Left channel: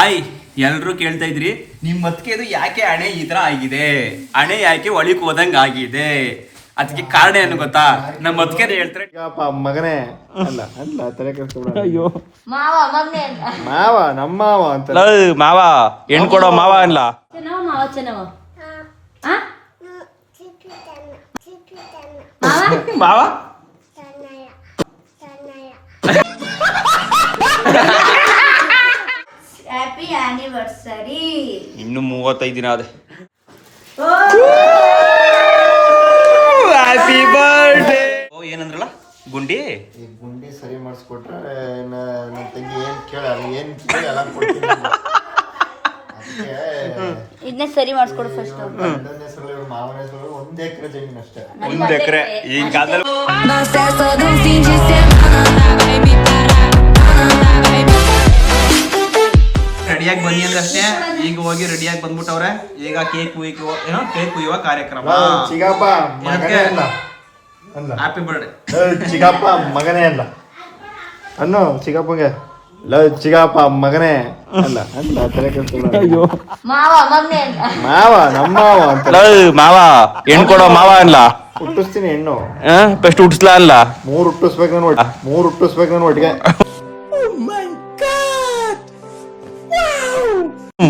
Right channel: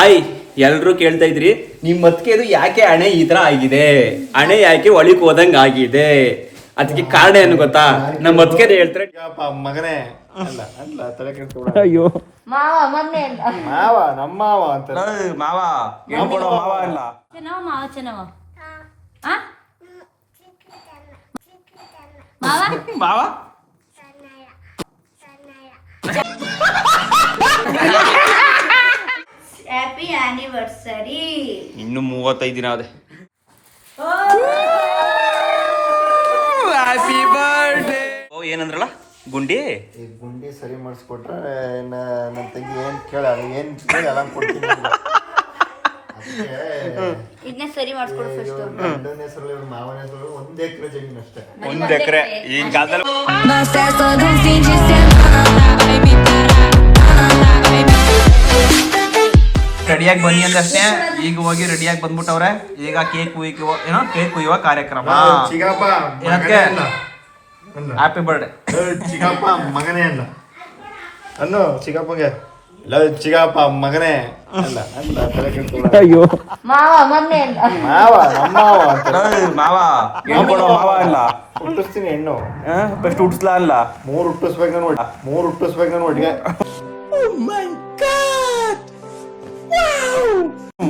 Hi, ಎಲ್ರು ಕೇಳ್ತಾ ಇದ್ರಿ ನಿಮ್ ಮತ್ಕೆದು ಯಾಕೆ ಹಣೆ ಈ ತರ ಆಗಿದೆ, ಹಣೆ ಯಾಕೆ ಒಳಿಕ್ ಹೋದಂಗ ಆಗಿದೆ, ಅದಕ್ಕೆ ಕಾರಣ ಏನು ಗೊತ್ತಾ? ನಮ್ಮ ಮತ್ಕೆದು ಹೇಳ್ತಾರೆ ಮಗನೇ ಅಲ್ಲ ಅಲ್ಲ ತಲೆ ಕೆಡಿಸ್ಕೊಬೇಡ. ಅಯ್ಯೋ ಮಾವ ನಮ್ಮ ಮಾವ ಅಂತ ಮಾವ ಹೆಣ್ ಕೊಡೋ ಮಾವ ಅಲ್ಲ ಮಾವ. Happy anniversary. ಇನ್ನು 35 ದಿನ ಅದೇ. Happy birthday. ಓ ಏನಂದ್ರಲ್ಲ ಗುಂಡಿ ಈ ಗುಂಡಿ ಸರಿ ಮಾಡಿಸ್ಕೊಟ್ರೆ ನನ್ನ ತಂಗಿ ಏನ್ ಕೇಳ ಏನ್ ಕೇಳಿ ಅಲ್ಲ ಕೊಡ್ತೀನಿ. ಇದನ್ನೇ ಸರಿ ಮಾಡಿಸ್ಕೊಡು ಫಸ್ಟ್. ಗಂಡನ ಹೆಸರಲ್ಲಿ ಮಾವನ ಹೆಸರಲ್ಲಿ 1 ಎಕರೆ ಜಮೀನು ಅಷ್ಟೇ. 1 ಎಕರೆ ಈಗ ಕಾಲದಲ್ಲಿ. ರೆಡಿಯಾಗಿ ಬನ್ನಿ ಅಂದಷ್ಟೇ, ಈಗ ಹೋಗಿ ರೆಡಿಯಾಗಿ ಬಂದ್ಬಿಟ್ಟವ್ರೆ. ಈಗ ಕೇಕ್ ಕುಯ್ಯುವ ಕಾರ್ಯಕ್ರಮ. ಚಿಗಪ್ಪ ಏನಕ್ಕೆ ಹ್ಯಾಪಿ ಬರ್ಡೇ ಚಿಗಪ್ಪ ಮಗನೇ ಅಲ್ಲ ಅಲ್ಲೋ ಚಿಗಪ್ಪಗೆ ಚಿಗಪ್ಪ ಮಗನೇ ಅಲ್ಲ ಅಲ್ಲ ತಲೆ ಕೆಡಿಸ್ಕೊಬೇಡ. ಮಾವ ಮಮ್ಮಿ ಮಾವ ನಮ್ಮ ಮಾವ ಅಂತ ಮಾವ ಹೆಣ್ ಕೊಡೋ ಮಾವ ಅಲ್ಲ. ಹುಟ್ಟಿಸ್ತೀನಿ ಹೆಣ್ಣು ಫಸ್ಟ್ ಹುಟ್ಟಿಸ್ಲಾ ಅಲ್ಲ 3 ಹುಟ್ಟಿಸ್ಬೇಕು ನಾನು ಒಟ್ಟಿಗೆ.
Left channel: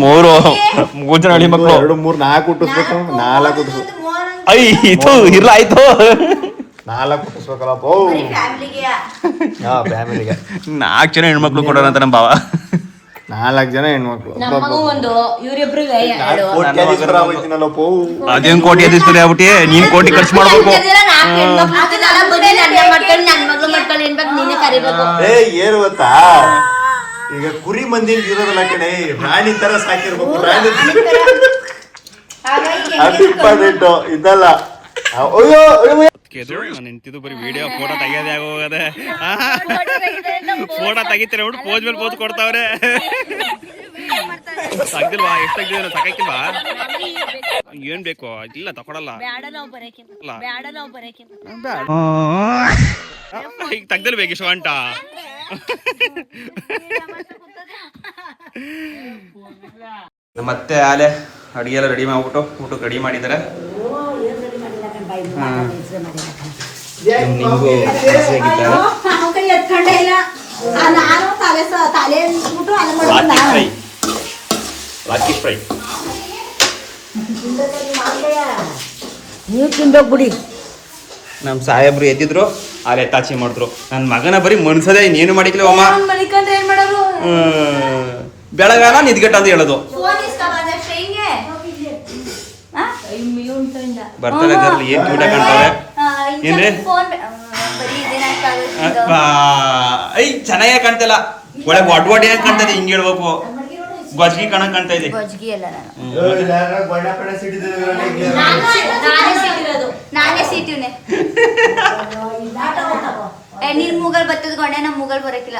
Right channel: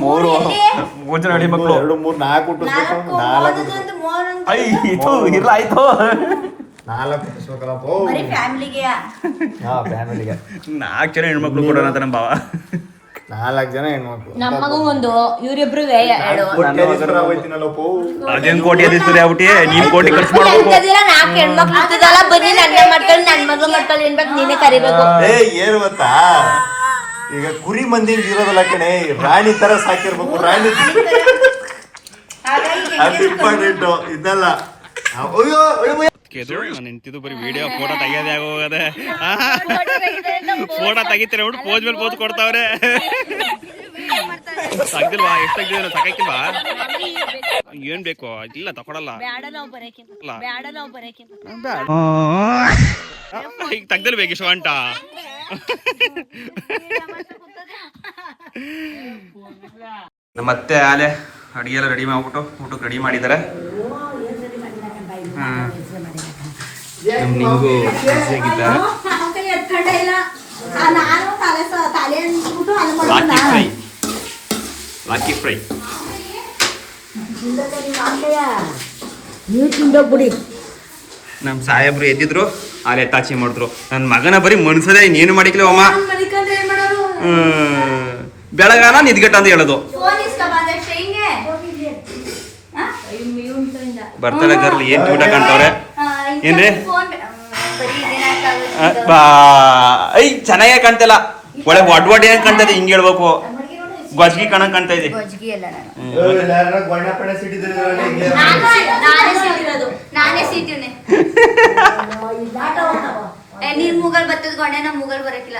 3 ಜನ ಹಳ್ಳಿ ಮಕ್ಕಳು 2 3 4 ಹುಟ್ಟಿಸ್ಬೇಕು. 4 ಹುಟ್ಟಿಸ್ಬೇಕು. ಇದು ಇಲ್ಲ ಆಯ್ತು 4 ಹುಟ್ಟಿಸ್ಬೇಕಲ್ಲಪ್ಪ. ಫ್ಯಾಮಿಲಿಗೆ ಹಾ ಫ್ಯಾಮಿಲಿಗೆ 4 ಜನ ಹೆಣ್ಮಕ್ಳು ಕೊಡೋಣ ಅಂತ ನಮ್ಮ ಭಾವ. 4 ಜನ ಹೆಣ್ಮಕ್ಳು. ಅದೇನ್ ಕೋಟಿ ಅದಿಸ್ತಾರೆ ಆಗ್ಬಿಟ್ಟಿ. ನೀನ್ ಕೋಟಿ ಖರ್ಚು ಮಾಡ್ಬೇಕು. ಏನು ಗೊತ್ತಾ, ಈಗ ಕುರಿ ಮಂದಿ ಇರೋದಲ್ಲ ಕಣೆ, ರಾಣಿ ತರ ಸಾಕಿರ್ಬೇಕು. ರಾಣಿ ಅದು ಇಂಪಾರ್ಟೆಂಟ್ ಇದಲ್ಲ. ಅಯ್ಯೋ ನಾನು ನಿಂತಿದ್ದು ಬರೀ ವಿಡಿಯೋ ಫೋಟೋ ತೆಗಿಯೋದೇ ಆಗೋಗದೆ. ಫೋಟೋ ತೆಗಿತಾರೆ ನೋಡಿ ಪೋಸ್ ಮೇಲೆ ಪೋಸ್ ಕೊಡ್ತಾವ್ರೆ. ತೆಗ್ದಿಲ್ವಾ? ಎಷ್ಟು ತೆಗ್ದಿಲ್ಲ ತಗಕ್ಕಿಲ್ವಾ? ಏನ್ ಬೇಕು? ಇಲ್ಲ ತಕೊಡಲ್ಲ. ಈಗ ತೆಗ್ದಿರ್ಬೇಕು ಇಷ್ಟು ಗಂಟ. ಮತ್ತೆ ಆಲೆ ಅಡಿಗೆ ಎಲ್ಲ ರೆಡಿ ಮಾಡ್ಬಿಟ್ಟು ಊಟಕ್ಕೆ ರೆಡಿ ಮಾಡಿದ್ದಾರೆ. ನಿಂಗು ಲಾಕಿ ಫ್ರೈ ನಮ್ ಸಾಹೇಬ್ರು ಎದ್ದಿದ್ರು ಆಲೆ ತಾಚಿ ಮಾಡಿದ್ರು. ನನ್ ಮಗನ ಬರೀ ಮನ್ಸದೇ ಇನ್ನೇನು ಮಾಡಿಕ್ಲಿ ಅಮ್ಮ. ಬೆಳಗಾನ ನಿದ್ಗಟ್ಟ ಅಂತ ಹೇಳೋದು. ಬರ್ತಡೆ ಗರ್ಲ್ ಏನ್ ಕ್ಯೂಟ ಕಾಣ್ತವ್ರೆ ಏನ್ರಿ? ಐ ಚೆನ್ನಾಗೇ ಕಾಣ್ತಿಲ್ಲ, ಒಳ್ಳೆ ಒಡ್ ಏನ್ ಕಾಣ್ತದೆ. ಹಿಂಗ್ ಹೇಳ್ಬೇಕು, ಗೊಜ್ಗಿ ಕಣಕ್ ಕಾಣ್ತಾ ಇದೆ. ನೀರ್ ಮುಗಲ್ ಬತ್ತದ ಗೊಂಡೆ ನಮ್ ಮುಗಲ್ ಬರಕಿಲ್ಲ.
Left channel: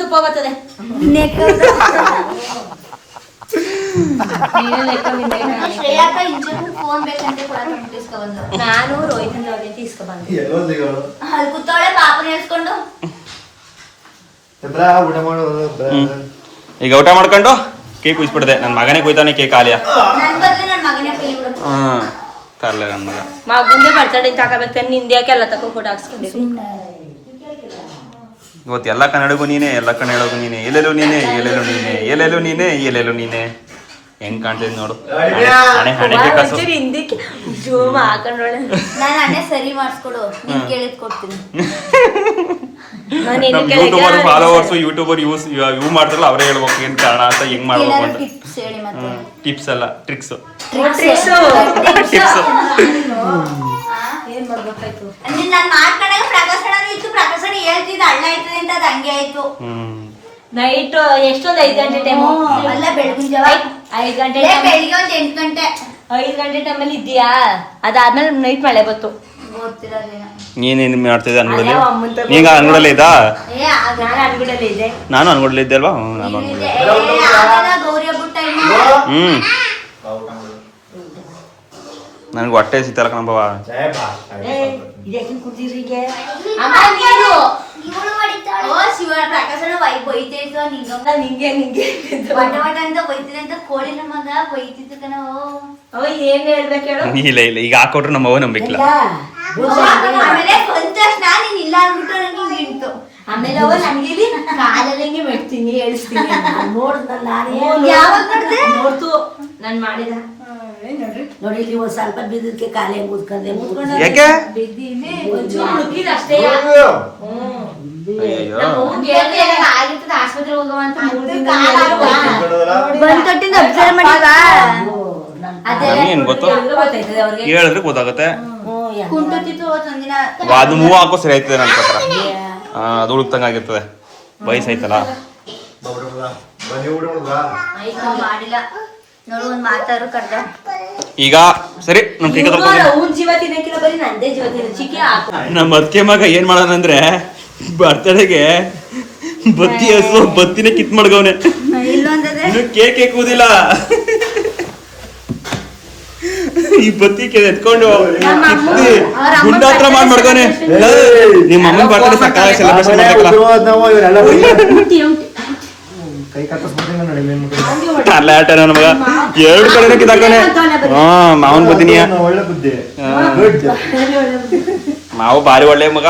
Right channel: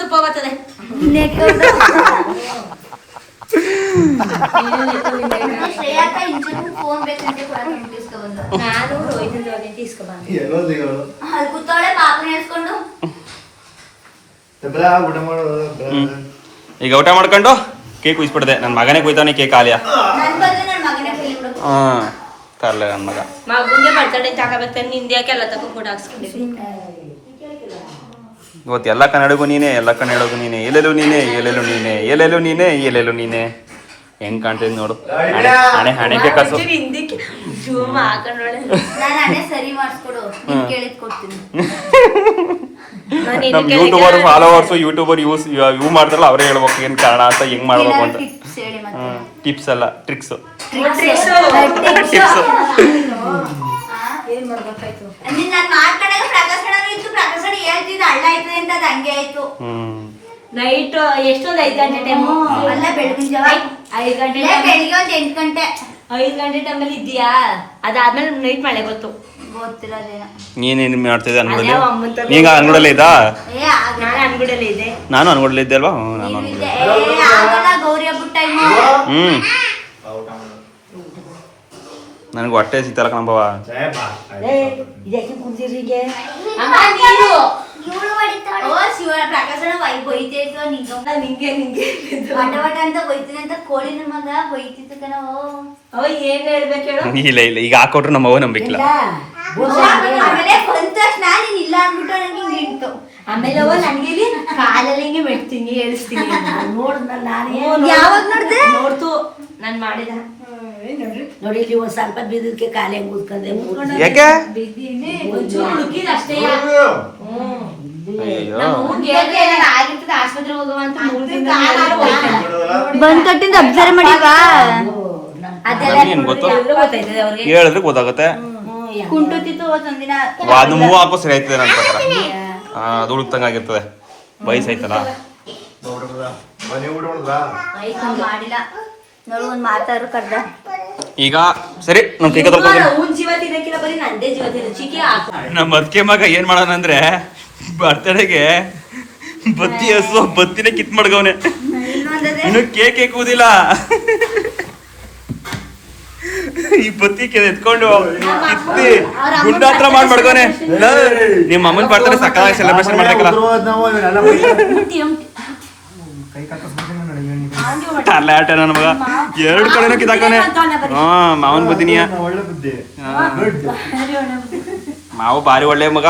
ತುಪ್ಪ ಬರ್ತದೆ. ಈಗ ಊಟ ಮಾಡ್ಕೊಂಡು ಕೇಕ್ ಕುಯ್ಸ್ಬಿಡ್ದೆ. ನನ್ ಮಗನೇ ಕುಯ್ತಾನೆ ಕೇಕ್ ಆಲಿಯ. ತರ್ಲೆ ನನ್ ಮಗ. ಇವತ್ತು ಎಲ್ಲ ಕನ್ನಡಗೂ ನೀನೆ, ಎಲ್ಲೆಲ್ಲೂ ನೀನೆ ಹೆಂಗ್ ಕಾಣ್ತಿದ್ ನೋಡು. ಹಣೆಗೆ ಕಸು. ನಮ್ ಯೂಟ್ಯೂಬರ್ ಫಾಲೋವರ್ಸ್ ಯೂಟ್ಯೂಬರ್ ಯೂ ಮಾಡ್ತಾರಲ್ಲ ಅವರೇ ಹೇಳ್ಬೇಕು ಏನ್ ಕಾರಣ ಅಂತ, ಹೆಂಗ್ ಮಾಡ್ಬೇಕು ಅಂತ. ಟಿಪ್ಸ್ ಅಲ್ಲ ಟ್ರಿಕ್ಸ್. ನೈಟ್ ಎಷ್ಟೊಂದು 5 ಗಂಟೆ ಟೈಮು ಅಲ್ಲ, ಬೆಳಗಿನ ಜಾವ 5 ಗಂಟೆ, ಬೆಳಿಗ್ಗೆ ಒಂದು 8 ಗಂಟೆ 5 ಗಂಟೆ ಟೈಮಲ್ಲಿ ಇದೆಯಾ? ಅದಾದ್ಮೇಲೆ ನೈಟ್ ಮಳೆ ಬಂತು. ಗೊತ್ತಿಲ್ಲ ನೀನೇನ್ ಮಾಡ್ತಿದ್ದೆ ಅನ್ಗುಡಲ್ಲಿ? ಈಗ ಅನ್ಗುಡಲ್ಲಿ ಇದ್ದಾ? ನಾನು ಅನ್ಗುಡಲ್ಲಿ ಇದ್ದೆ ಅಲ್ವಾ? ನಾನು ಗೌರಿ ಹಬ್ಬದ ಟೈಮು. ನನಗೆ ಹೊಟ್ಟೆ ಸಿತ್ತಲ್ಲ ಕಣಬವ. ಓ ಶಿವ ಪ್ರಕಾಶನ ಬೈತೈತೋ ನಿಂಗೆ ವಟ ವಟ ಅಂತ ಬೈತೀನಿ ಅಂತ ಕೋಳಿ ಮಗ ಬೈತಿತ್ತು ಕಣ ಅವ ಏನ್ ಹೇಳ್ಬೇಕು ಹೇಳು. ಇಲ್ಲ ಇಲ್ಲ ಈಗ ಹಾಕೊಟ್ರು ನಮ್ಮ ಅವ್ವ ನಂಬಿಕಿಲ್ಲ. ಆಮೇಲೆ ಬಂದ ತಕ್ಷಣ ನೀನ್ ಇಲ್ಲ ಅಂದ್ಬಿಟ್ಟು ನಂಗೆ ಹಿಂಗೆ ಇಡ್ತು. ಆಮೇಲೆ ಅವ ನಮ್ಗೆ ಇಲ್ಲಿ ಕಾಲಲ್ಲಿ ಹಿಂಗೆ ಮೆಟ್ತೀನಿ ಹೇಳಿಸ್ತೀನಿ ನೋಡ್ದಲ್ಲ ಯಾವಾಗ ನೋಡ್ದೆ ನೋಡ್ತು ನಾನ್ ಮಾಡಿದ ನೋಡಿ ಇಲ್ಲಿ ಒಂದ್ ಸ್ವಲ್ಪ ಬಿದ್ದಕ್ಕೆ ಕಾಲೇ ಮುದ್ಕಂದೆ ಯಾಕೆ ಬಿದ್ದೀನಿ ಒಂಚೂರು ಮುಗಿದ ಅಷ್ಟೇ. ಅಯ್ಯೋ ಆಗಿರ್ತದೆ ಆಸ್ಪತ್ರೆ ಹೋಗುವ ಅಂತ ಬಂದ್ ಕಟ್ಟಿಂದ ಅಬ್ಸರ್ವ್ ಮಾಡಿದ ನಮ್ಗೇನ್ ಗೊತ್ತು? ಗೊತ್ತಾಯ್ತದೆ ಅವ್ರಿಗೆ ಹೇಳಿದ್ರೆ ಗೊತ್ತಾಗುತ್ತೆ. ಕುಂಟುತ್ತಿತ್ತು ಒಂದಿನ ಅದು ಮೂವ್ ಹಾಕೋ ಸರಿ ಆಯ್ತದೆ ನನ್ನ ಪ್ರಕಾರ. ಅದು ಉಳುಕ್ತಂಗಾಗಿರ್ತದೆ ವಯಸ್ಸಾಯ್ತಲ್ಲ. ಬನ್ನಿ ಹುಡುಗ ಮಾಡಿಲ್ಲ ನೋಡು ಒಂದ್ ಮಾತಾರು ಕರ್ದ ಈಗ ಸರಿ ನಮ್ ಕೈ ತೊಳ್ಕೊಂಡು ಅವ್ನ್ ಜೀವ ತಿನ್ನಕ್ಕಿಲ್ಲ ಬರೀ ನಂದೇ ಜೀವ ತಿನ್ನ ಚಿಕ್ಕಿ ಹಾಕು. ನಮ್ಮ ಅದ್ಕೆ ಮಗ ಏನ್ ಮಾಡೋಣ ಅಂದ್ರೆ ಬರ್ತಡೆಗೆ ಬತ್ತಿ ಹಸು ಬತ್ತಿನೇ ಕಿತ್ ಮಾಡ್ಗವ್ನೆ. ಇನ್ನು ಕೇಕ್ ಕೂದಿಲ್ಲ. ಈ ಬತ್ತಿ ಎತ್ಕೊಂಡು ಕಿತ್ತಿ ಗುಂಡ ಹತ್ರ ಮಾಡ್ಗವನೆ. ನಿಮ್ಮ ಅಮ್ಮನ್ ಬರ್ತಡೆ ಸಕಾಲ ಸೆಲೆಬ್ರೇಷನ್ ಮಾಡ್ಬೇಕಲ್ಲ. ನನ್ನ ಮಗ ಎರಡು ಕಡೆನೂ ಕಿತ್ತಾಕನೆ. ಮಾವನ್ ಬುದ್ಧಿನಿಯ ಒಳ್ಳೆ ಬುದ್ಧಿ. ಮಾವು ಬಾರಿ ಒಳ್ಳೆ ಮಗ.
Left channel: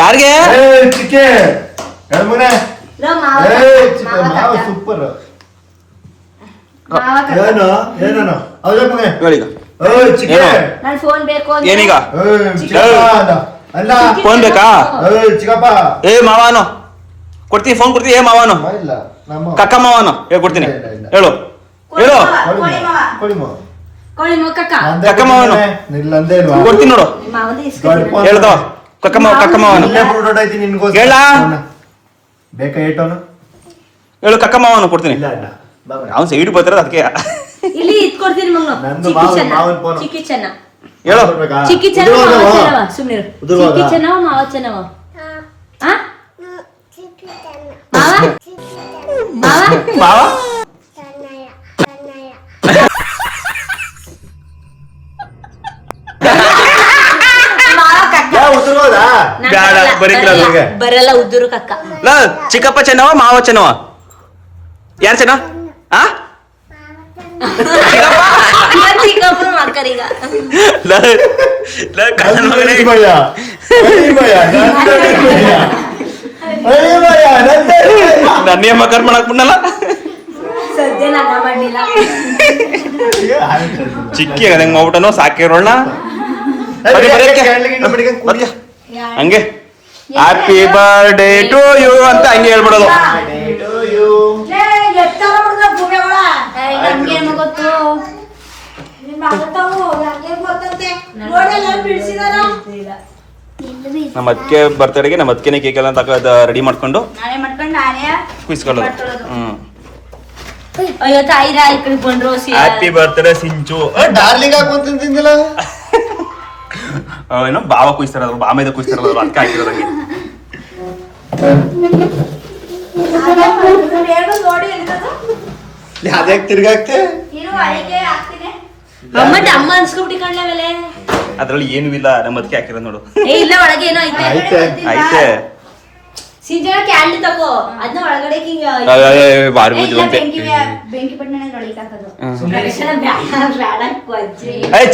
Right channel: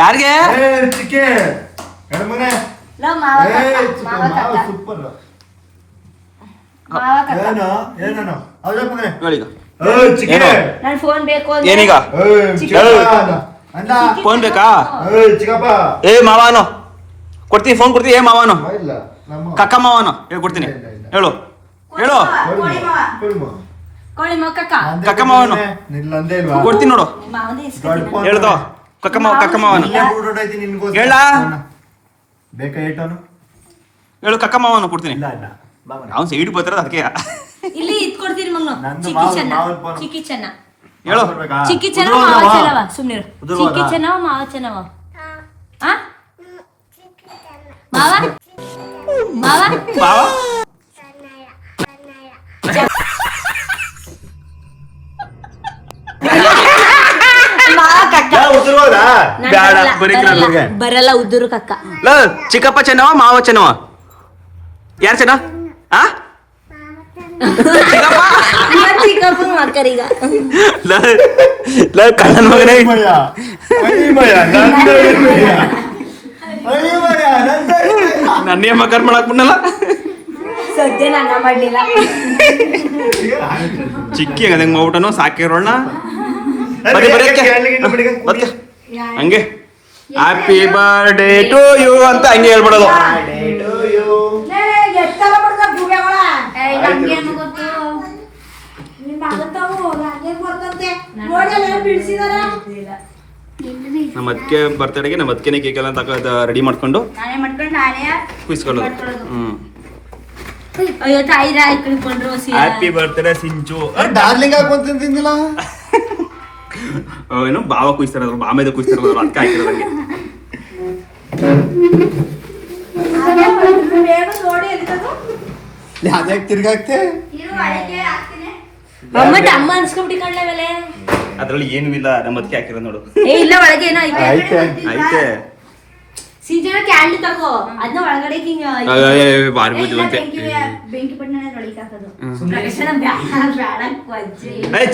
ಯಾರಿಗೆ ಸೂಪರ್ ನನ್ ಫೋನ್ ಬೇಕು ಏನೀಗ ಫೋನ್ ಬೇಕಾ? ಏ ಮಾವಾನು ಕೊಡ್ತೀನಿ, ಫೋನ್ ಕೊಡ್ತೀನಿ. ಏ ಮಾವಾನು ಕಕ್ಕ ಮಾವಾನು ಕೊಡ್ತೀನಿ. ಹೇಳು ಹೇಳು ಕಕ್ಕ ಮಾವನು ಕೊಡ್ತೀನಿ ನೋಡು. ಹೇಳ್ದವ ಕಕ್ಕ ಮಾವನು ಹೇಳ ಬೇಕಾ ಏಟೋನು ಹೇಳು ಕಕ್ಕ ಮಾವನು ಕೊಡ್ತೀನಿ. ಅವ್ನು ಸೈಡ್ ಬರ್ತಾರ ಅದಕ್ಕೆ ಇಲ್ಲಿ ಇಟ್ಕೊಡ್ತೀನಿ ಮಗ. ಚಿಕ್ಕಿ ಚೆನ್ನ ಹೇಳು. ಚಿಕ್ಕಿ ಚೆನ್ನ ಮಾವ ಚೆನ್ನವ ಸುಮ್ನಿರು. ಚಿಕ್ಕಿ ಚೆನ್ನವ ಮಾವ ಚೆನ್ನವ ಮಾವ ಬ್ಯಾಡ ಬರಲ್ಲ ಉದುರು ಕಕ್ಕ. ಚಿಕ್ಕಪ್ಪ ಚೆನ್ನವ ಮಾವ ಚೆನ್ನವ ಯಾರು ಚೆನ್ನ? ಚಿಕ್ಕಪ್ಪ ಚಿಕ್ಕಪ್ಪನ ಮಕ್ಕರೀಗ ನನ್ನೇ ಮಕರ್ ಮಾಡಕ್ ಬಿಡಲ್ಲ. ಸದ್ಯ ನನ್ನ ಮಾಡ್ಲಿಲ್ಲ. ಚಿಕ್ಕಿ ಹೆಂಗ್ ಮಾಡ್ಬಿಟ್ಟನೋ ಸಾಕಿರೋಣ ಹಂಗೆ ಹ್ಯಾಪಿ ಬರ್ಡೇ ಟು ಯು ಅಂತ ಹಂಗೆ ಹೇಳ್ಬಿಡೋದು. ನಮ್ಮ ಅದಕ್ಕೆ ಬರ್ತಡೆಗೆ ನಮ್ಮ ಅದಕ್ಕೆ ಕೇಕ್ ಎಲ್ಲ ರೆಡಿ ಮಾಡ್ಕೊಂಡು ಕುಯ್ಸ್ಕೊಳ್ಳೋದು. ಅಯ್ಯೋ ತಾಯಿರ ಇಟ್ಕೊಂಡ್ರು ಹ್ಯಾಪಿ ಬರ್ತ್ಡೇ ಸಿಂಚು ಡಾರ್ಲಿಂಗ್ ಹಾಕೊಂಡ್ ತಿಂದಿಲ್ಲ ಏನೋ ಬಾವ ಕುಯ್ಸ್ತಾರ ಬಾಮೇದ ಕುಯ್ಸ್ತಾರಲ್ಲ ಅದಕ್ಕೆ ಹಾಕಿರೋದಂಗೆ. ಯಾವ್ದ್ಯಾಕೆ ತಿರ್ಗಾಕ್ತೆ ಅಮ್ಮ ಅನ್ಸ್ಕೊಂಬಿಟ್ಟಿಕೊಂಡ್ಲೆ ಮೇಲೆ ಅದ್ರಲ್ಲಿ ಏನೂ ಇಲ್ಲ. ನಮ್ಮ ಅದಕ್ಕೆ ಹಾಕಿರೋದು ನೋಡು. ಏ ಇಲ್ಲ ಒಳಗೆ ಏನೋ ಐತೆ ಐತೆ ಸೀಜನ ಕ್ಯಾಂಡಲ್ ತಗೋ ಅದನ್ನ ಒಳಗಡೆ ಬಾರಿ ಬುದ್ಧಿವಂತೆ. ಬೆಂಕಿ ಪಟ್ಟಣ ಒಳಗೆ ಹಾಕೋದು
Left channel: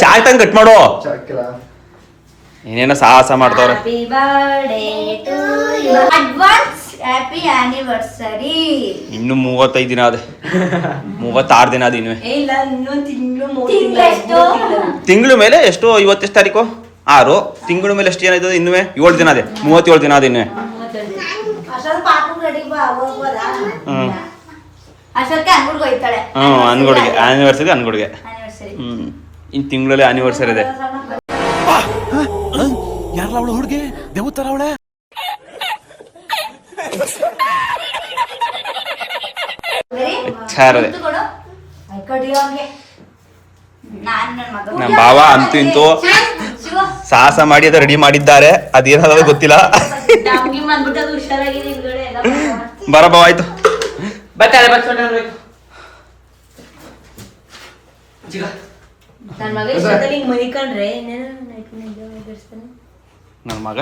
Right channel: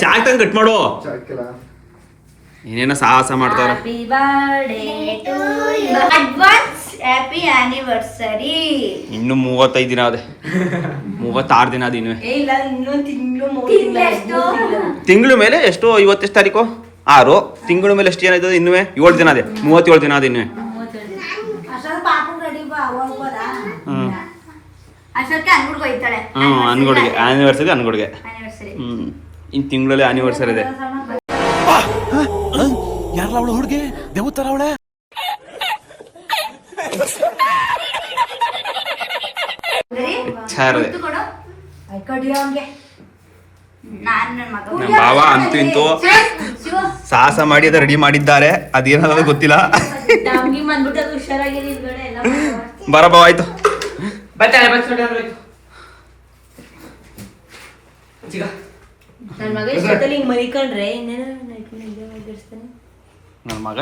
ಚಾಕ್ ತಂಗ್ ಕಟ್ ಮಾಡೋ. ಏನೇನೋ ಸಾಹಸ ಮಾಡ್ತಾವ್ರೆ. Happy birthday to you advance happy anniversary. ಇನ್ನು 35 ದಿನ ಅದೇ 36 ದಿನ ಅದ ಇನ್ನು. ಇಲ್ಲ ಇನ್ನೊಂದು ತಿಂಗಳು ಮೇಲೆ ಎಷ್ಟು? ಇವತ್ತು ಎಷ್ಟು ತಾರೀಕು? 6. ತಿಂಗಳು ಮೇಲೆ ಎಷ್ಟು ಏನಾಯ್ತದೆ? ಇನ್ನುವೆ 7 ದಿನ ಅದೇ 37 ದಿನ ಅದ ಇನ್ನುವೆ. ಅನ್ಗೊಡಿಗೆ ಆನಿವರ್ಸರಿ ಅನ್ಗೊಡಿಗೆ. ಇನ್ ತಿಂಗಳಲ್ಲಿ ಆನಿವರ್ಸರಿ ಇದೆ. ಯಾರಲ್ಲ ಅವಳು ಹುಡುಗಿ ದೇವತರ ಅವಳೆ ನಮ್ಮ ಭಾವ ಅಂತೂ ಇಂತೂ ಸಾಹಸ ಮಾಡಿ ಅದ ರೆಡಿ ಮಾಡಿದ್ದಾರೆ. ಅದೇನಾದ್ರು ಗೊತ್ತಿಲ್ಲ. ಬರ ಭಾವ ಆಯ್ತು. ನನ್ನ ಮಗ ಇಷ್ಟದಲ್ಲಿ ಹಿಂಗ್ ಮನಿಕೊಂಡ್ರೆ ಇನ್ನೇನು ನನ್ನ ಮಗ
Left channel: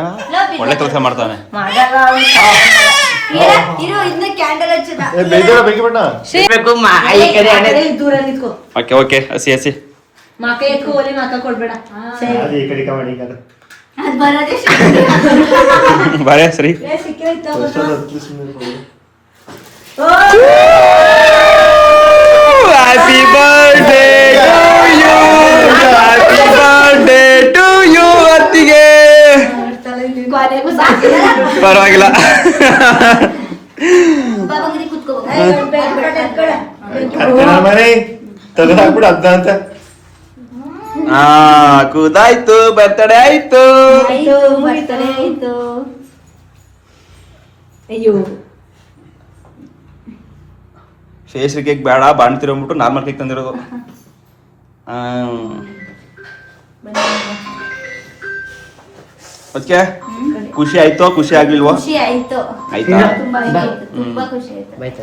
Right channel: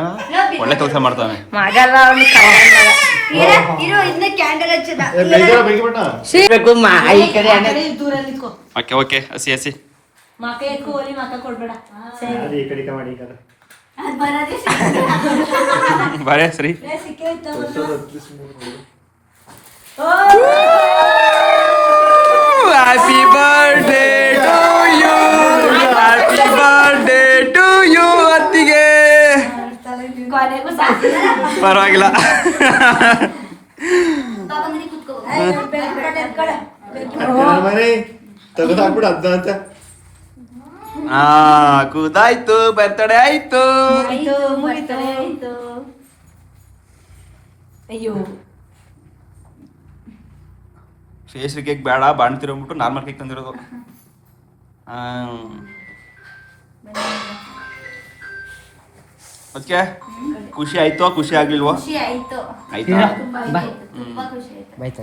ಒಳ್ಳೆ ಕೆಲಸ ಮಾಡ್ತಾನೆ. ಮಗಲ್ಲ ಅವ್ನು ಇರೋ ಇನ್ನ ಕ್ಯಾಂಡಲ್ ಹಚ್ಚದ ಬೇಕು ಈ ಕಡೆ ದೂರ ನಿಂತ್ಕೋ. ಓಕೆ ಓಕೆ ಹಸಿ ಹಸಿ ಮಕ ಎತ್ಕೋ ಒಲಿ ಮಕ ಕೊಡ್ಬೇಡ. ಅದ್ ಬರೋದೇ ಬಾರೆ ಸರಿ. Happy birthday to you, happy birthday to you ಅತ್ತಿಗೆ. ಕೊನೆಗೂ ಸಾಕಿಲ್ಲ. ಪರವಾಗಿಲ್ಲ. ಬಾಬಂಗ್ರಿ ಕುತ್ಕೋ. ತಗೊಂಡಾಕ್ಬಿಡು ಅದ್ನ ಅಂತ. ಕೂದಾಯ್ತು, ಬರ್ತಡೇ ಆಯ್ತು. ಆಯ್ತು ಬರ್ತಾರೆ ಆಯ್ತು. ಅಯ್ಯೋ ಫೇಸ್ ಕೇಕ್ ಬೇಡ, ಬಾಣ್ತಿರೋಗ್ಬಿಟ್ಟು ನಾರ್ಮಲ್ ಕೇಕ್ ತಂದಿರೋದು. ಅದಕ್ಕೆ ಖುಷಿ ಆಯ್ತೋ ಖುಷಿ ಆಗ್ಲಿಲ್ವೋ? ಖುಷಿ ಆಯ್ತು. ಆಯ್ತಾ? ತುಂಬಾ ಆಯ್ತು. ತುಂಬಾ ಖುಷಿ ಆಯ್ತು.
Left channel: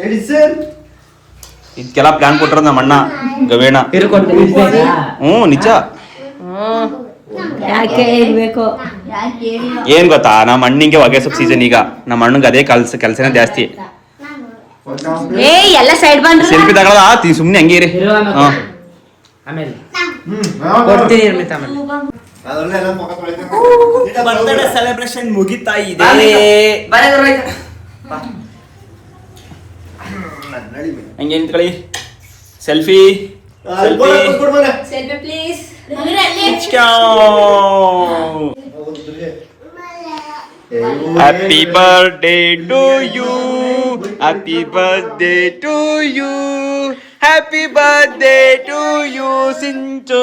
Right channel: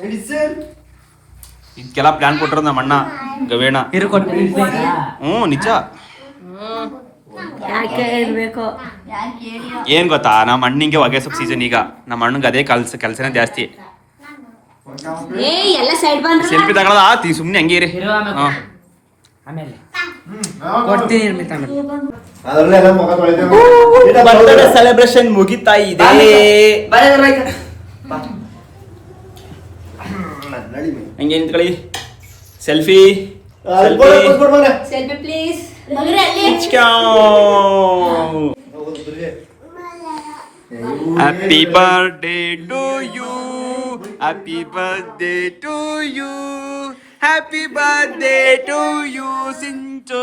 ಹೇಳಿ ಸರ್. ಇದಕ್ಕೆಲ್ಲ ಪ್ಲಾನ್ ಕೊಟ್ಟರ ನಮ್ಮ ಅಣ್ಣ ಗವೇಣ. ನಿಜ. ಯಾಕೆ ಇರ್ಬೇಕು? ಯಾಕೆ ಹೇಳಿ? ಏನ್ ಗೊತ್ತಾ, ನಮ್ಮ ಅಣ್ಣಿಗೆ ಹೊಗೆ ಸೊಪ್ಪು ಸೀಸನ್ ಈಗ. ನಮ್ಮ ಅಣ್ಣಂಗೆ ಅದೇ ಕೆಲಸನೇ ಜಾಸ್ತಿ. ಏ ಎಲ್ಲ ಸೈಡ್ ಬಂದ್ರಿ. ಸೆಲ್ಫಿ ತಗೊಳ್ಳೋದ ಸುಮ್ನೆ ಹಂಗೆ ಇರಿ. ಬರ್ತ್ಡೇ ಸೆಲೆಬ್ರೇಷನ್ ಮುಗಿತಾ ಇದೆ. ಹಂಗೆ ನಿಂತ್ಕೊಳ್ಳಿ. Selfie selfie please. Happy birthday to you, happy birthday to you, happy birthday to you Sinchu.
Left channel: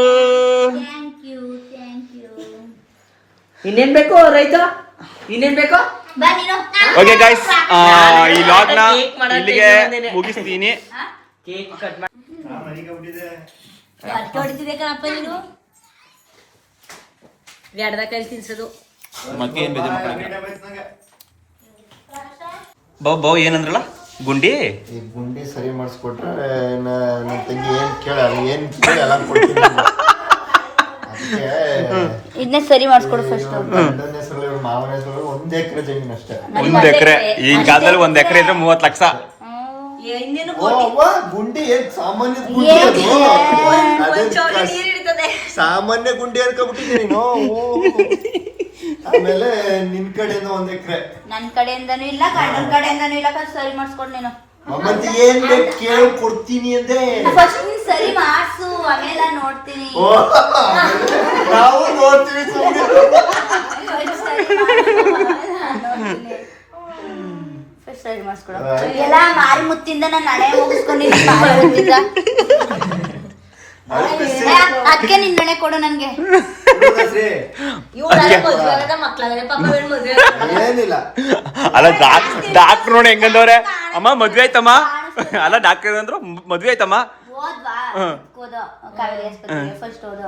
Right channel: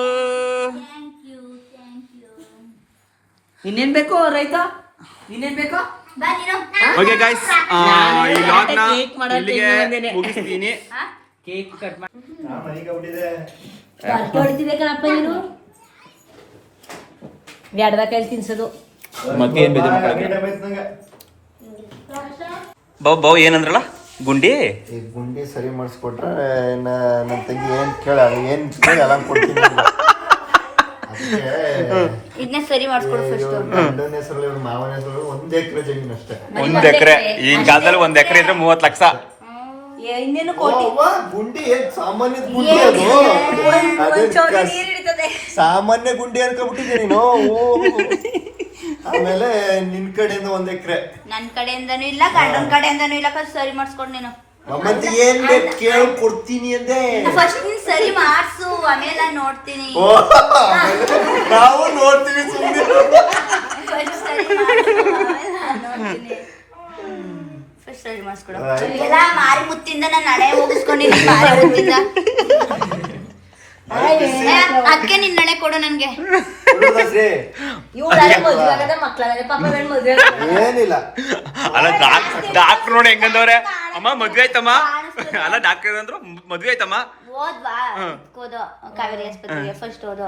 ಇನ್ನೇನ್ ಬೇಕು ರೈತ? ಇನ್ನೇನ್ ಬೇಕು? ಬಾ ನೀನು. ಓಕೆ ಗೈಸ್, ಈ ಲಾಗ್ನ ಇಲ್ಲಿಗೆ ಮುಗಿಸ್ತೀನಿ. ಕೇಕ್ ಕಟ್ ಮಾಡಿ ಹೊಡಿತಿದೆ ಕಣಪ್ಪ ನೀನು. ಎಡದ ಕೈ ತಿನ್ಸೋದು. ಮತ್ತೆ ಏನ್ ಬೇಜಾರು ಮಕ್ಕಳಿಗೆ? ಬಾವು ಏನಂದ್ರಲ್ಲ ಗುಂಡಿ ಈ ಗುಂಡಿ ಸರಿ ಮಾಡಿಸ್ಕೊಟ್ರೆ ನನ್ನ ತಂಗಿ ಏನ್ ಕೇಳ ಏನ್ ಕೇಳಿ ಅಲ್ಲ ಕೊಡ್ತೀನಿ. ಇದನ್ನೇ ಸರಿ ಮಾಡಿಸ್ಕೊಡು ಫಸ್ಟ್. ಗಂಡನ ಹೆಸರಲ್ಲಿ ಇವ್ರ ಮಾವನ ಹೆಸರಲ್ಲಿ 1 ಎಕರೆ ಜಮೀನು ಅಷ್ಟೇ. 1 ಎಕರೆ. ಈಗಿನ ಕಾಲದಲ್ಲಿ 1 ಎಕರೆ ಇದ್ರೆ 30 ಲಕ್ಷ. ಇನ್ನೇನು ಗುಂಡಿ ಏನ್ ಸಾಮಾನ್ಯ ಗುಂಡಿ ಅದು? ಸಾಮಾನ್ಯ ಗುಂಡಿ ಅನ್ಕೊಂಡ್ಬಿಟ್ಟಿದ್ದೆ ನೀನು. ಆಮೇಲೆ ನಿನ್ ಕಡೆಯಿಂದ 1 ಎಕರೆ, ನನ್ ಕಡೆಯಿಂದನೂ ಇಲ್ಲ, ಗಂಡನ ಕಡೆಯಿಂದನೂ ಇಲ್ಲ. ಸರಿ ಮಾಡಿಸ್ಕೊಡು ನೀನು. ಮತ್ತೆ ಏನ್ ಬೇಕು ಕೇಳಿ ಕೊಡ್ತೀನಿ ಅಂದೆ. ಫಸ್ಟ್ ನೀನ್ ಸರಿ ಮಾಡ್ಸು, ಆಮೇಲೆ ನೋಡ್ತೀನಿ. ನಾವು ನೋಡ್ತೀವಿ ಸುಮ್ಮನೆ. ಫಸ್ಟ್ ಸರಿ ಮಾಡ್ಸು, ಆಮೇಲೆ ನಾನ್ ನೋಡ್ತೀನಿ. ಫಸ್ಟ್ ಸರಿ ಮಾಡಿಸ್ಕೊಡು. ಎಲ್ಲ ಮಾರಿ ಮುತ್ತಿಂದ ನಾನು ಹಣೆ ಹೋಗಿಸ್ಕೊಂಡಿದ್ದೀನಿ. ಮಾರಿ ಮುತ್ತಿಂದ ಅದಕ್ಕೆ ನಿನ್ ಹಣೆ ಕೊಡು ನನ್ಗೆ. ಏನಿಲ್ಲ ಅಲ್ಲ ಡಾಕ್ಟರ್ ನೋಡಿ ಹೆಂಗಂದವ್ರೆ. ಅಮ್ಮ ಮದ್ವೆ ಆಯ್ತಮ್ಮ. ಅಲ್ಲ ಡಾಕ್ಟರ್ ಅಂದ್ರು ಮದ್ವೆ ಆಯ್ತಮ್ಮ. ಹೋದ್ವಾ ಹೋದೋ ಕಾವೇರಿ ಆಸ್ಪತ್ರೆಗೆ. ಫಸ್ಟ್ ಹೋದೋ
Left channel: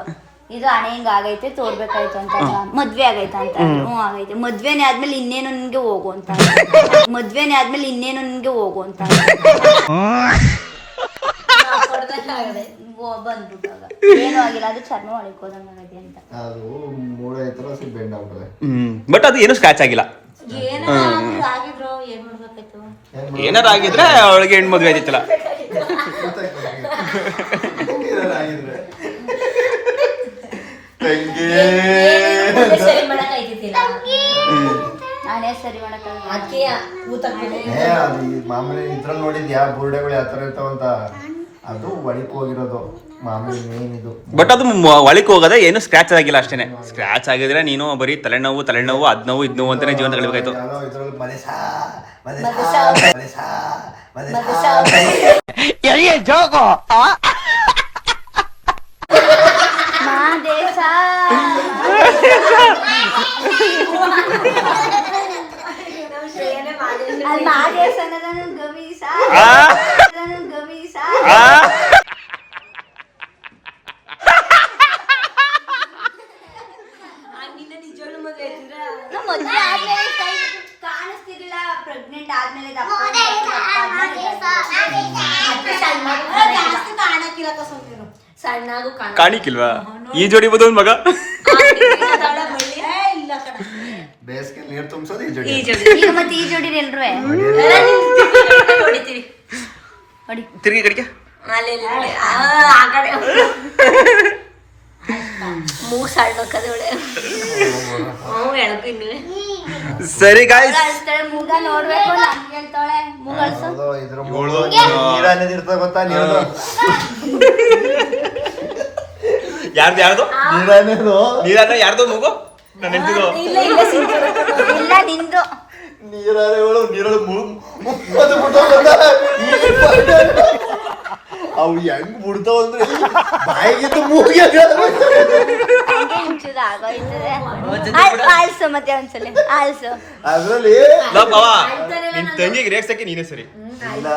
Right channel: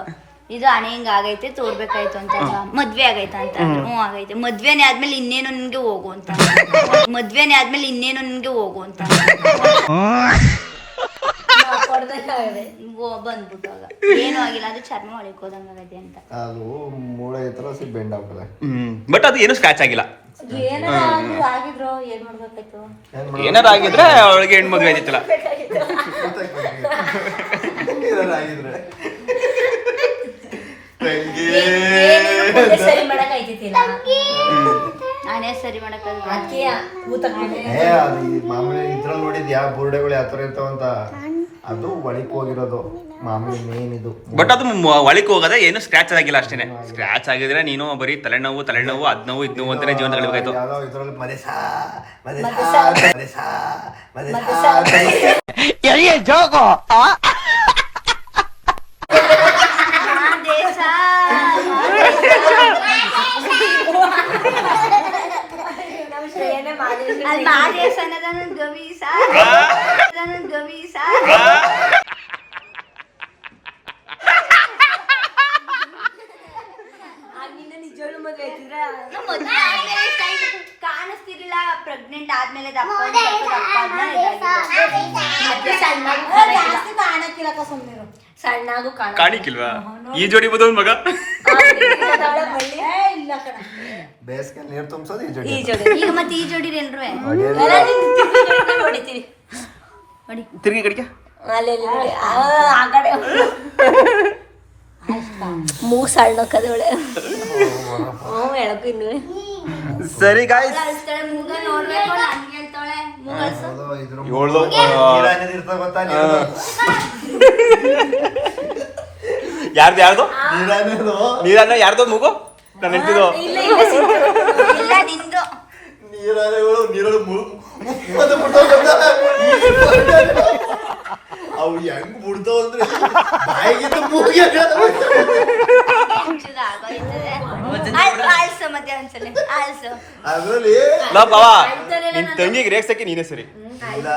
ಇದು ಹಣೆ ಹಿಂಗ ಆಗೈತೆ ತೋರ್ಬೇಕಾಯ್ತು ಅಂತ. ಮದ್ವೆ ಆಗೈತ ಅಂತ. ಆಗೈತೆ. ಮದ್ವೆನೇ ಆದ್ಮೇಲೆ ಇನ್ನೇನು ನಿನ್ಗೆ ಹೋಗು ಅಂತ. ಮದ್ವೆನೇ ಆದ್ಮೇಲೆ ಇನ್ನೇನು ನಿನ್ಗೆ ಹೋಗು ಅಂತ ಬಂದ್ಬಿಟ್ಟಾಗ ಏನು ಆಗಿಲ್ಲ. ಅದು ಚರ್ಮ ಒಳಗೆ ಹೋದಂಗ ಆಗೈತೆ ಅಂತ. ಅದು ಮೂಳೆ ಹತ್ರ ಬೆಂಡ್ ಆಗ್ಬಿಟ್ಟದೆ. ಬಟ್ ಅದು ಏನು ಸ್ಕ್ರಾಚ್ ಆಗಿಲ್ಲ. ಆಗಿದ್ರು ಏನ್ ಮಾಡ್ಬೇಕಾಯ್ತು? ಏನಾರ ಆಗಿದ್ರೆ ಅವಳಿಗೆ ಹೆಣ್ಣು ಮದ್ವೆ ಆಯ್ತಿತ್ತಲ್ಲ. ನಾನೇ ಸರಿ ಮಾಡಕ್ಕಾಗಲ್ಲ. ಅದು ಮಾಮೂಲಿ ಇದ್ರಲ್ಲಿ ನೋಡಿದ್ಯಾ ಬುರುಡೆಗಳು ಯಾವ ತರ ಇರ್ತಾವಂತ? ಅದು ಒಳಕ್ ಹೋಗಿರೋದು ಮಾಮೂಲಿ ಮೇನ್ ಇದು. ಬಟ್ ಅದು ಒಳಕ್ ಹೋಗೋದ ಏನು ಸ್ಕ್ರಾಚ್ ಆಗಿಲ್ಲ ಅಷ್ಟೇನೆ. ಸ್ಕ್ರಾಚ್ ಆಗಿದ್ರೆ ನೀನು ಬರೀ ತಲೆನೋವು ಅದ್ ನೋವು ಇದ್ ನೋವು ಅಂತಾನೆ ಜೀವನ ಕಳಿಬೇಕಾಯ್ತು. ಅಲ್ಲಿ ಮಾದೇಶ ಗಮೀಸ ಗಮೀಸ ಕಾಣಿಸ್ತಿರ್ಲಿಲ್ಲ. ಪ್ರೆಗ್ನೆಂಟ್ ಆದ್ಮೇಲೆ ದಪ್ಪ ಕಾಣಿಕಿಲ್ವಾ ಈ ಜೋಡಿ ಬೋದು ಮಗ ಬೇಸಿಗೆ ನೀರು ತುಂಬಿಸೋದು ಈ ಜೋಡಿ ಈಗ ಮತ್ತೆ ಈ ಜೋಡಿ ಎಲ್ರು ಹೊಡಿತೀವಿ ಹೊಡಿ ತಿರುಗಿ ಕಡಿಕೆ ಆ ಕಡೆ ಮೂಗು ಸಾಳ್ಬೇಕದೊಳೆ ಹೇಳಪ್ಪ ಇನ್ನುವೆ ಸರಿ ಗಾಯ್ಸ್ ಮುಗ ನೋಡ್ಬೇಕು ನನ್ಗೆ ಹೇಳ್ತಾಳೆ ಮುಗಳ್ಸು ಏಳ್ದು ಇರ್ತದೆ ಗೊತ್ತಾ ನೀರು ಯಾರ್ದು ನೀರಾನೇದು ನೀರನ್ನ ಯಾರ್ದು ಮಗು ನಾನು ಹೇಳ್ತಿದ್ದು ಇಲ್ಲ ನಿಂದು ನೀರಾನೇಗಳು ನೀರಳು ಅವು ಹೆಂಗ್ ಬಿಡ್ತಾವ ಅಂದ್ರೆ ಬಾಯಿಗಿಂತ ಮೂಗಿಗೆ ಆಲ್ಸು ಮತ್ತೆ ಒಂದ್ಸಲ ಆಲ್ಸು ಅದ್ರಲ್ಲಿ ಬಾವ ನಿನ್ ತಂಗಿಗೆ ರೇಗ್ಸಕ್ಕೆ ನೀನೇ ಸರಿ ಇಲ್ಲ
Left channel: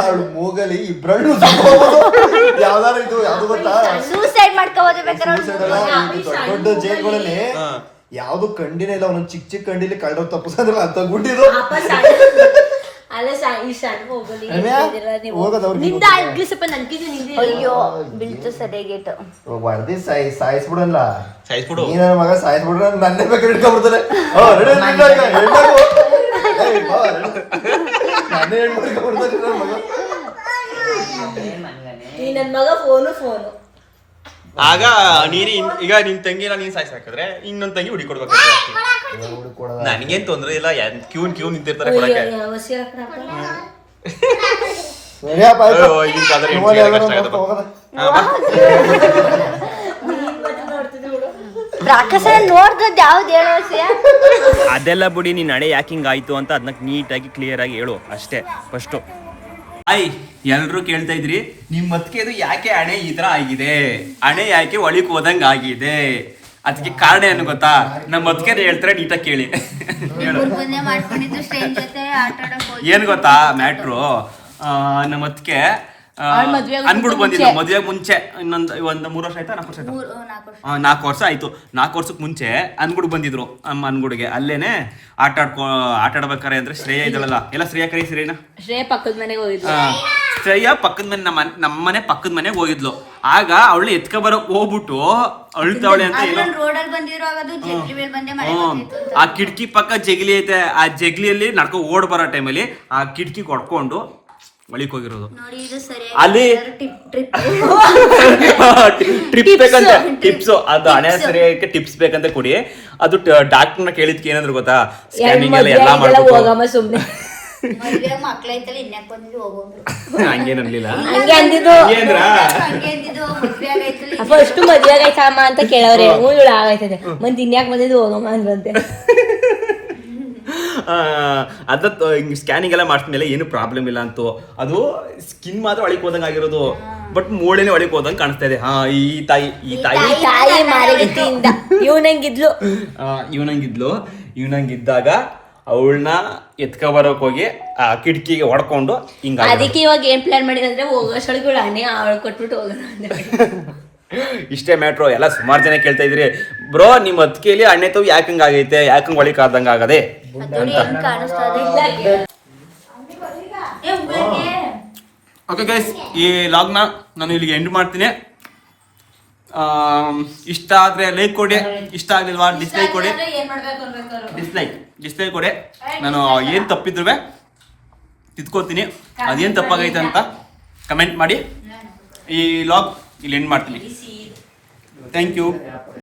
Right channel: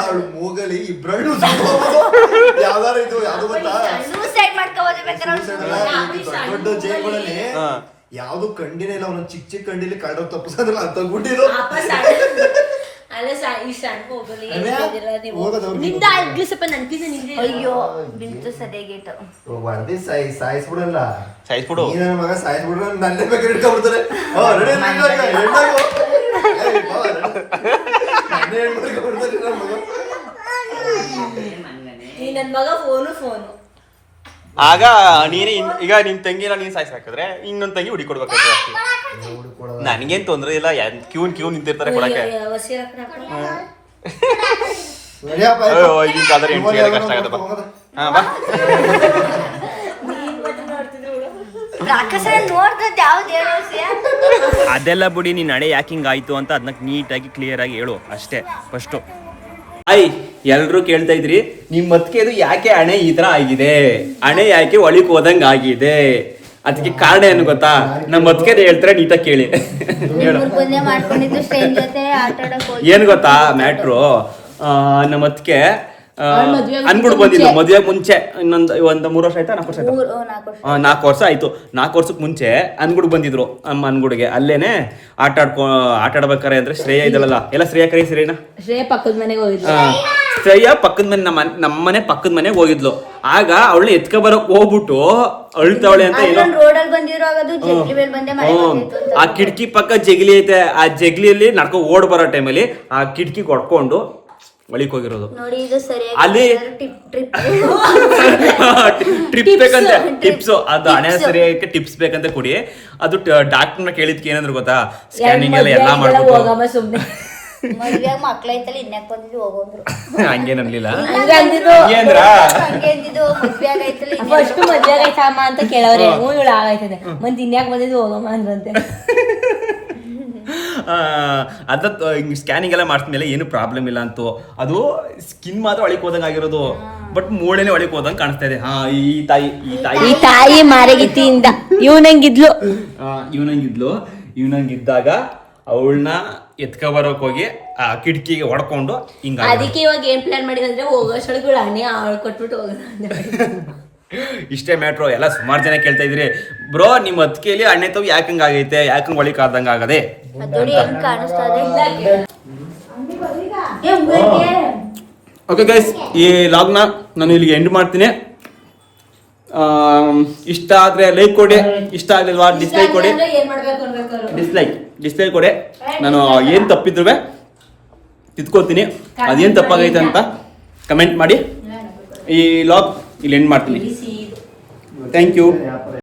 ಅವಳು ಮೂಗಲಿ ಇಬ್ರಳ್ಳು ಯಾವ್ದಾರು ಇದು ಯಾವ್ದು ಗೊತ್ತಾ ಸೂಸೈಡ್ ಮಾಡ್ಕೋಬೋದು ಬೇಕಾದ್ರೆ Suicide ಅಲ್ಲ, ಇದು ದೊಡ್ಡ ಜೈಲ್ಗಳಲ್ಲಿ ಯಾವ್ದು ಕಂಡಿನೇ ಇಲ್ಲ ಒಂದೊಂದು ಚಿಕ್ಕ ಚಿಕ್ಕ ಕಂಡಿಲಿ ಕಳ್ಳ ತಪ್ಪಿಸಂದ್ರೆ ಅಂತ ಗುಂಡಿರು ಅಲ್ಲ ಈ ಸಣ್ಣ ಹೋಗಲಿ ಹೋಗೋದು ಅವ್ರಿಗೆ ನಿಂದ ಆಗ್ಲಿ ಸ್ವಲ್ಪ ನನ್ಕಿಂತ ನಿಂದೆ ಅಯ್ಯೋ ಬಿಲ್ತು ಸರಿಯಾಗಿತ್ತು ಹೊಡೆದಿ ಸಾಯಿಸ್ಬಿಡಲ್ಲ ಸಾಯಿಸ್ಬಿಡು ನೀ ನನ್ನ ಮಗ ಸಾಯಿಸ್ಬಿಡ್ರೆ ನನ್ನೇ ಬೇಕಾದ್ರೆ ಹಿಡ್ಕೊಂಡ್ಬಿಡ್ತಾರೆ ನನ್ನೇ ಹಿಡ್ಕೊಂಡ್ಬಿಡ್ತಾರೆ ನನ್ನ ಮಗ ನೀ ನನ್ ಮಗ ಫೋನು ಆಗ ನೀನೇ ಈಗ ನಿನ್ ತಂಗಿನ ನೀನ್ ಸಾಯ್ಸ್ ಹಾಕಿದ್ರೆ ಇನ್ನೊಂದ್ ತಂಗಿ ಹುಡಿ ಕೊಡ್ಬೇಕಾಗ್ತದೆ ನನಗೇನ್ ತೊಂದ್ರೆ ಇಲ್ಲ ಕ್ಯೂ ನಿಂತಿರ್ತಾರೆ ಕೊಡಕ್ಕೆ ಈಗಿನ ಕಾಲದಲ್ಲಿ ಹೆಣ್ಣು ಸಿಗೋದೇ ಕಷ್ಟ ಆಗತ್ತಪ್ಪ ಬಾ ರಾಕ್ಷಸ ನೋಡ್ದದ್ ಯಾವ್ದು ಹೇಳೋ ವಿಷಯ ಅದೆಲ್ಲ ಬಿಡಿ ನೀನ್ ನಡೆ ಯಾಕೆ ಹಿಂಗಾಯ್ತು ಅಂತ ಅದನ್ನ ನೀಟಾಗಿ ಕ್ಲಿಯರ್ ಆಗಿ ಹೇಳು ಅಷ್ಟೇ ಫಸ್ಟು ಎಲ್ರು ಕೇಳ್ತಾ ಇದ್ರಿ ನಿಮ್ ಮತ್ಕೆದು ಯಾಕೆ ಹಣೆ ಈ ತರ ಆಗಿದೆ ಹಣೆ ಯಾಕೆ ಒಳಿಕ್ ಹೋದಂಗ ಆಗಿದೆ ಅದಕ್ಕೆ ಕಾರಣ ಏನು ಗೊತ್ತಾ ನಮ್ಮ ಮತ್ಕೆ ಹೇಳ್ತಾರೆ ನೀಟಾಗಿ ಕೇಳಿ ಹೇಳು ಬಂದೇ ಮಾಡ್ಕೊಂಡಿದ್ದು ಸ್ಟ್ರೇಂಜ್ ಜೊತೆ ಆಟ ಆಡಕ್ ಹೋಗಿ ಏನ್ ಗೊತ್ತಾ ಮ್ಯಾಟ್ರು ನಮ್ಮ ಅತ್ತಿಗೆ ಅನ್ಬಿಡ್ ಬಂದಿದ್ದು ಮದುವೆ ಮುಂಚೆ ಒಂದು 3 ವರ್ಷ ಆಯ್ತಾ 4 ವರ್ಷ ಆಯ್ತಾ 4 ವರ್ಷ ಆಯ್ತು 4 ವರ್ಷಕ್ಕೆ ಮುಂಚೆ ಅನ್ಗುಡ್ ಬಂದಿದ್ರು ಅಮ್ಮ ಅನ್ಗುಡ್ಗೆ ಅಲ್ಲೇನೆ ಆಟ ಆಡ್ಬೇಕಾರೆ ಅಂದ್ರೆ ಶ್ರೇಯ ಇದಳಲ್ಲ ಎಲ್ಲ ಶ್ರೇಯ ಕರಿ ಶ್ರೇಯ ಪಕ್ಕದ ಮನೆಗೆ ಹೋಗಿದ್ಲು ಶ್ರೇಯ ಪಕ್ಕದ ಮನೆ ನಮ್ಮನೆ ಪಕ್ಕದ ಮನೆಗೆ ಹೋಗಿದ್ಲು ಆಗ ಅವಳನ್ನ ಎತ್ಕ ಬರಕ್ ಹೋಗ್ಬಿಟ್ಟು ಅಳ್ತಾವಳೆ ಅಂತ ಏನೋ ರೋಡಲ್ಲಿ ಬಂದಿರುವಾಗ ಅದು ಜಗ್ಗಿ ಮೇಲೆ ಬಂದೆ ಆ ಕಿಟಕಿ ಪಕ್ಕ ಜಗಲಿ ಐತೆ ಆ ಜಗಲಿಯಲ್ಲಿ ನಡ್ಕೊ ಓಡ್ ಬರೋ ಟೈಮಲ್ಲಿ ಆ ಕಿಟಕಿ ಕೊಡ್ಕೊಂಡು ಒಳಿಕ್ ಹೋಗಿರೋದು ನೋಡಿ ಇದು ಸರಿಯಾಗಿ ಅಲ್ಲಿ ಟ್ರಿಪ್ ಬೇಕಂತೆ ಟಿಪ್ಸ್ ಅದು ಹಣೆ ಸರಿಯಾಗಿ ಟಿಪ್ಸ್ ಬೇಕಂತ ಕೊಡಿ ಅದು ಡಾಕ್ಟರ್ನ ಕೇಳಿದ್ಕೆ ಏನಂದ್ರೆ ಗೊತ್ತಾ ಸ್ಕ್ಯಾನಿಂಗ್ ಎಲ್ಲ ಮಾಡ್ಬಿಟ್ಟು ಮದ್ವೆಯಾಗ ಮಕ್ಳೈತಲ್ಲ ಇನ್ನಕ್ಕೆ ಬಂದು ಹೋಗೋದ್ರು ಹಂಗೇನ್ ಅನ್ಲಿಲ್ಲ ಹಂಗೆ ಅಂದಿದ್ದು ಹಂಗೇಂದ್ರ ಹಂಗೆ ಅಂದಿದ್ದು ಮದ್ವೆಯಾಗ ಐತಲ್ಲ ಫಸ್ಟ್ ಮದ್ವೆ ಆಯ್ತಮ್ಮ ಅಂತ ಕೇಳೋರೆ ಇವಳು ಆಗೈತದೆ ಮತ್ತೆ ಇನ್ಯಾಕ್ ಬಂದಿದ್ದು ಹೋಗಮ್ಮ ಅಂದ್ರಂತೆ ಅದ ಸ್ಕ್ಯಾನಿಂಗ್ ಎಲ್ಲ ಮಾಡಿದ್ಮೇಲೆ ಏನು ಪ್ರಾಬ್ಲಮ್ ಇಲ್ಲ ಅಂತೂ ಅದು ಸ್ಕಿನ್ ಮಾತ್ರ ಒಳಗೆ ಹೋದಂಗೆ ಆಗಿರೋದು ಬಟ್ ಮೂಳೆನೆ ಒಳಗೆ ಹೋದಂಗೆ ಕಾಣಿಸ್ತಾ ಇದೆ ಈ ತಾಯಿ ಮಾರಗಿತ್ತಿಯಿಂದ ಇವನಂಗಿದ್ಲು ಇವನಂಗಿದ್ದಾಗ ಅವಳನ್ನ ಎತ್ಕ ಬರೋಕ್ ಹೋಗಿ ಆ ಕಿಟಕಿಗೆ ಹೊಡ್ಕೊಂಡು ಹಿಂಗಾಗಿ ಅದಕ್ಕೆ ಇವಾಗ ಏನ್ ಪ್ಲಾನ್ ಮಾಡಿದ್ರೆ ಹೋಗೋಷ್ಟೊಳಗೆ ಇವಳು ಹಣ್ಣೆ ಅವಳು ಕೊಟ್ಬಿಟ್ಟು ಹೋಗೋಣ ಇಷ್ಟೇ ಮ್ಯಾಟ್ರು ಎಲ್ಲ ಸುಮಾರು ಜನ ಕೇಳ್ತಾ ಇದ್ರಿ ಬ್ರೋ ನಿಮ್ಮ ಅತ್ತಿಗೆಯಲ್ಲಿ ಹಣ್ಣೆ ತವ್ ಯಾಕಂಗ್ ಆಗೈತೆ ಯಾಕಂಗ್ ಒಳಿಕ್ ಆದಂಗ ಆಗದೆ ಅಂತ ಓಕೆ ಗೈಸ್ ಈ ಲಾಗ್ನ ನಾನು ಇಲ್ಲಿಗೆ ಎಂಡ್ ಮಾಡ್ತೀನಿ ಇಷ್ಟ ಆದ್ರೆ ಲೈಕ್ ಕೊಡಿ ಇಷ್ಟ ಆಗ್ಲಿಲ್ವಾ ಡಿಸ್ಲೈಕ್ ಕೊಡಿ ಡಿಸ್ಲೈಕ್ ಕೊಡಿ ನಾನು ಏನು ತಪ್ಪಿದ್ರು ತಿದ್ಕೋತೀನಿ ಅದೇನು ತಪ್ಪಾಗೈತೆ ಅಂತ ಕಮೆಂಟ್ ಮಾಡಿ ಈ ಲಾಗ್ ಇಲ್ಲಿ ಎಂಡ್ ಮಾಡ್ತೀನಿ ಥ್ಯಾಂಕ್ ಯು